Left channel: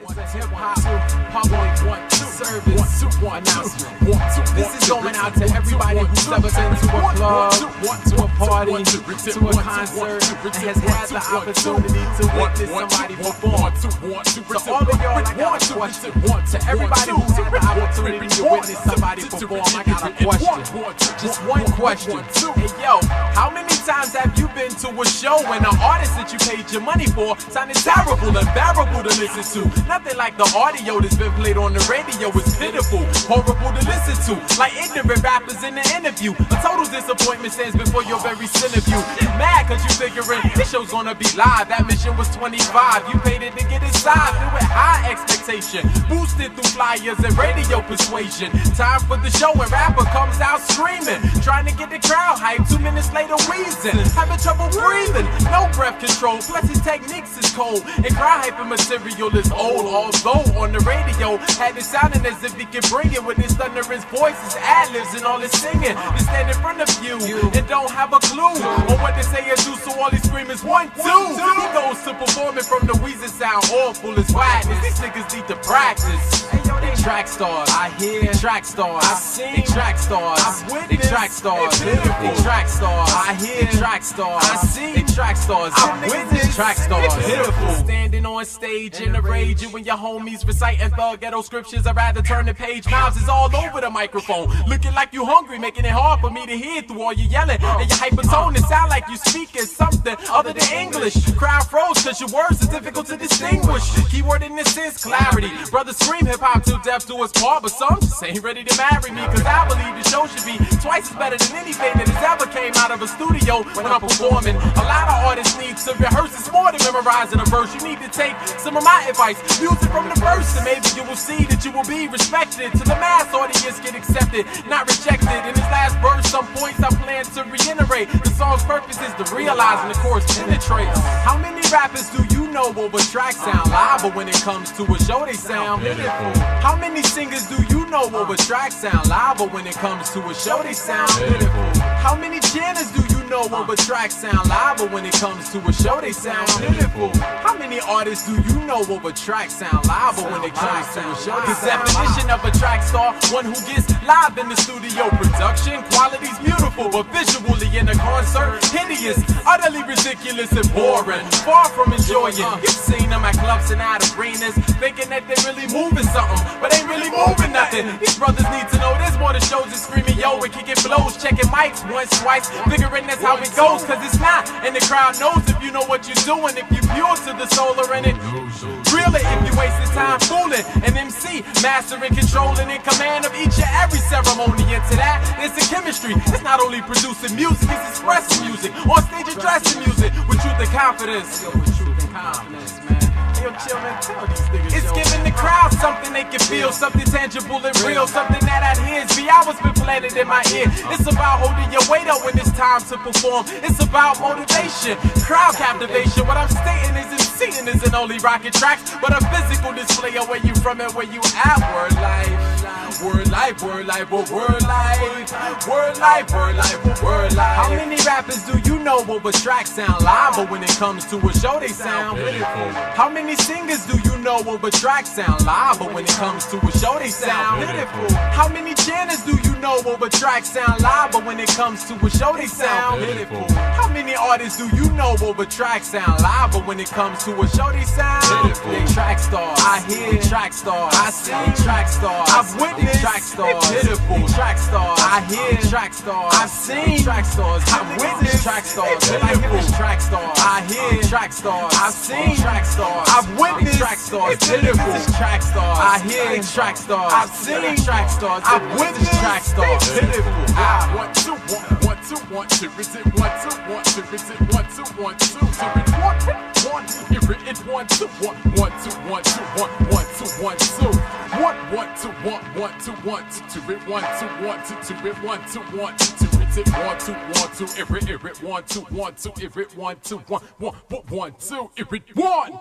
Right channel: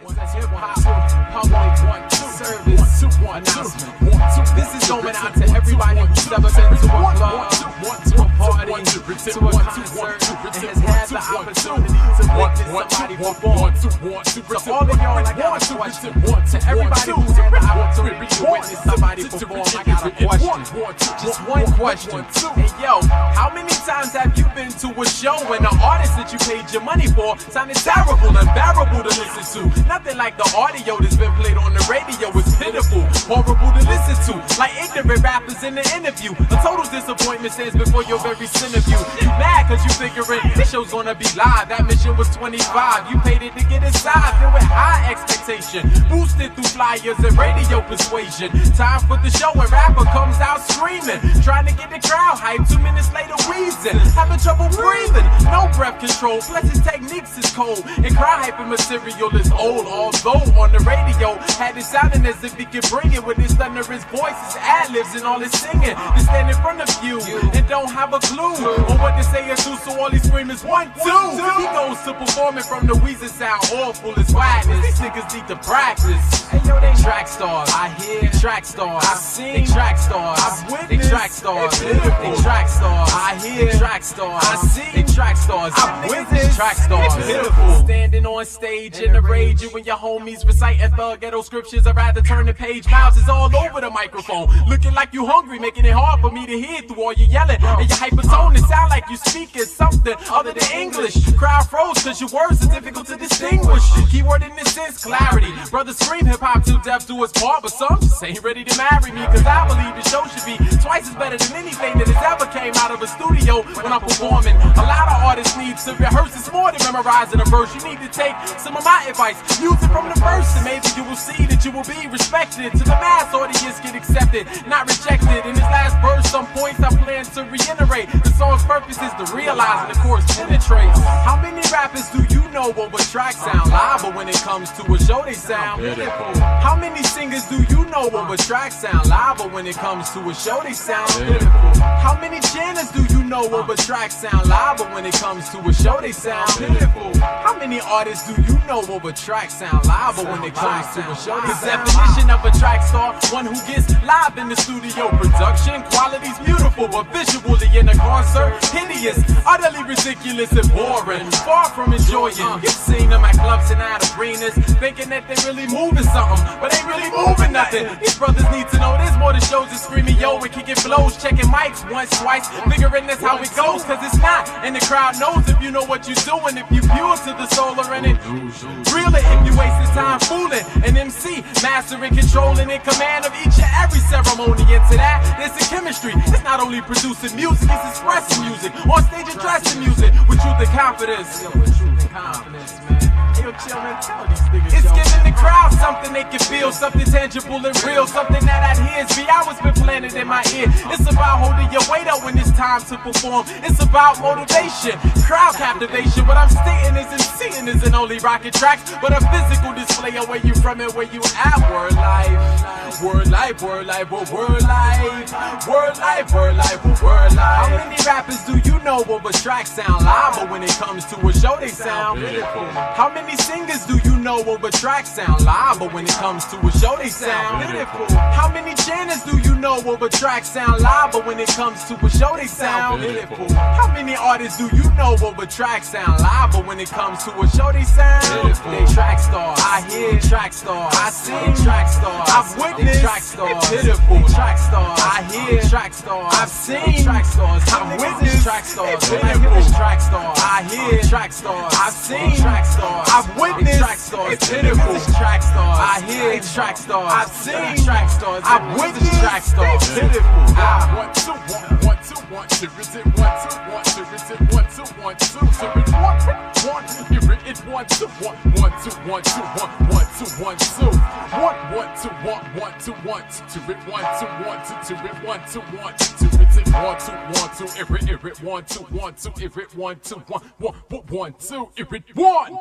It's a hip-hop public service announcement. This is going out to everybody who's ever been to a club, to a party, to a concert, and has had the opportunity to witness somebody perform. To all of y'all, I got a question. To everybody who's had the opportunity to witness somebody perform, I got a question. Just one question. Hey, yo, how many times have you been to a show when the artist that you paid your money for sounded terrible, unbearable to listen to? Nothing like the audio that's been played on the radio is pitiful, horrible to listen to, like ignorant rappers in the interview. A total disappointment stands before your very sin of you. You mad cause you figuring this show's gonna be live. That mission was 25, you paid it to get inside. Filled with high expectation, boosted through flyers and radio persuasion. Time for the show and rapper comes out screaming, trying to get the crowd hyped. 2 minutes later wheezing, having trouble breathing, no breath control, plus his techniques is cold, and cry hyping material is old. Although on the radio had it sounding as if he could bring it with his thunderous voice, his ad-libs and all his singing. To stand in front of you and don't have a clue on what to say or do, so all he scream is 1, 2. He goes to performing from the Weezer sound, awful as wildness. These niggas need to practice. Hey yo, they Trackstars, I hear. Trackstars, I've seen. Trackstars, I've witnessed. Trackstars, they Trackstars, I hear. Trackstars, I see. Trackstars, I've witnessed. Trackstars, pitiful. Standing on stage in the rage, you and your homies reciting thug ghetto scriptures. I'd rather turn the page. Mouths is all over the microphone, looking like you hungry, making it hard for me to hear through all your yelling and your hypertone. It sound like you speaking something other than English. Crowd froze cause your words are difficult to distinguish. Keyword in this sense, clarity. Brothers scream hip-hop till death do us part, but some just ain't ready to marry me, cause I believe the show should be twice as better than anything that has ever came out of a studio when I'm performing. A lot of artists need to rehearse. It's more than memorizing a verse. You need to take some of my advice, music from the verse, and maybe you will see that you will be respected. To the mass audience, get accepted, not rejected. In this last verse, some points I plan to reiterate. The song's purpose is to realize and the chorus penetrates. How many rappers do you know over tracks sound live, but when it comes to a show they sound pitiful? How many singers do you know over tracks sound live, but when it comes to a show they sound pitiful? How many chanters do you know over tracks sound live, but when it comes to a show they sound pitiful? How many artists do you know over tracks sound live, but when it comes to a show the definition of a track star, one who gets live in the studio. Production quality's beautiful, but visually in a concert hideous, utterly ridiculous and boring, far from enjoying. You've seen them at clubs and at arenas, thinking that they're really moving something, but ain't really moving nothing. These brothers need to know there's more to shows than screaming yo and kicking flows, checking mics once, twice, figuring that's how it goes, cause it's not, and the crowd knows if you know what you're doing, if you pure to the soul or in it. Really, if you waste this time fooling an MC, mastering, controlling, in command of each and every ceremony. Into that, there's the chemistry. It's not only producing music, it's expressing music. On stage addressing music with truth and confidence. Yo, with truth and confidence, man. Yo, chill, man, tell these niggas. It's giving the crowd something they can feel, something tangible and real, something that adheres. The hours been planted in my ear. It's about holding your weight up when it's time to perform. It's about motivation, crowd captivation. What I'm stating isn't seeing isn't only rocket tracks, but a physical display of where you from and where you at. Word life, word life, word life, word life, word life, word life, word life. How many rappers do you know over tracks sound live, but when it comes to a show they sound pitiful? How many singers do you know over tracks sound live, but when it comes to a show they sound pitiful? How many chanters do you know over tracks sound live, but when it comes to a show they sound pitiful? How many artists do you know over tracks sound live, but when it comes to a show they sound pitiful? They Trackstars, I hear. Trackstars, I see. Trackstars, I've witnessed. Trackstars, pitiful. Trackstars, I hear. Trackstars, I've seen. Trackstars, I've witnessed. Trackstars, pitiful. Trackstars, I hear. Trackstars, I've seen. Trackstars, I've witnessed. Trackstars, pitiful. Trackstars, I hear. Trackstars, I've seen. Trackstars, I've witnessed. Trackstars, pitiful. 1, 2, 1, 1, 2, 1, 2, is it 1, 2, 1, 2, is it 1, 2, 1, 2, so it's 1, 1, it's 1, 2, 1, 1, 2, 1, 2, 1, 1, 2, 1, 2, 1, 1, 2, 1, 1, 2, 1, 2, 2, it 1, 2, 1, 2, 2, it 1, 2, 1, 2, 2, it's it 1, 2, 1, 2, it 1, 2, 1, 2, it 1, 2, 1, 1, 1, 1, 2, it 1.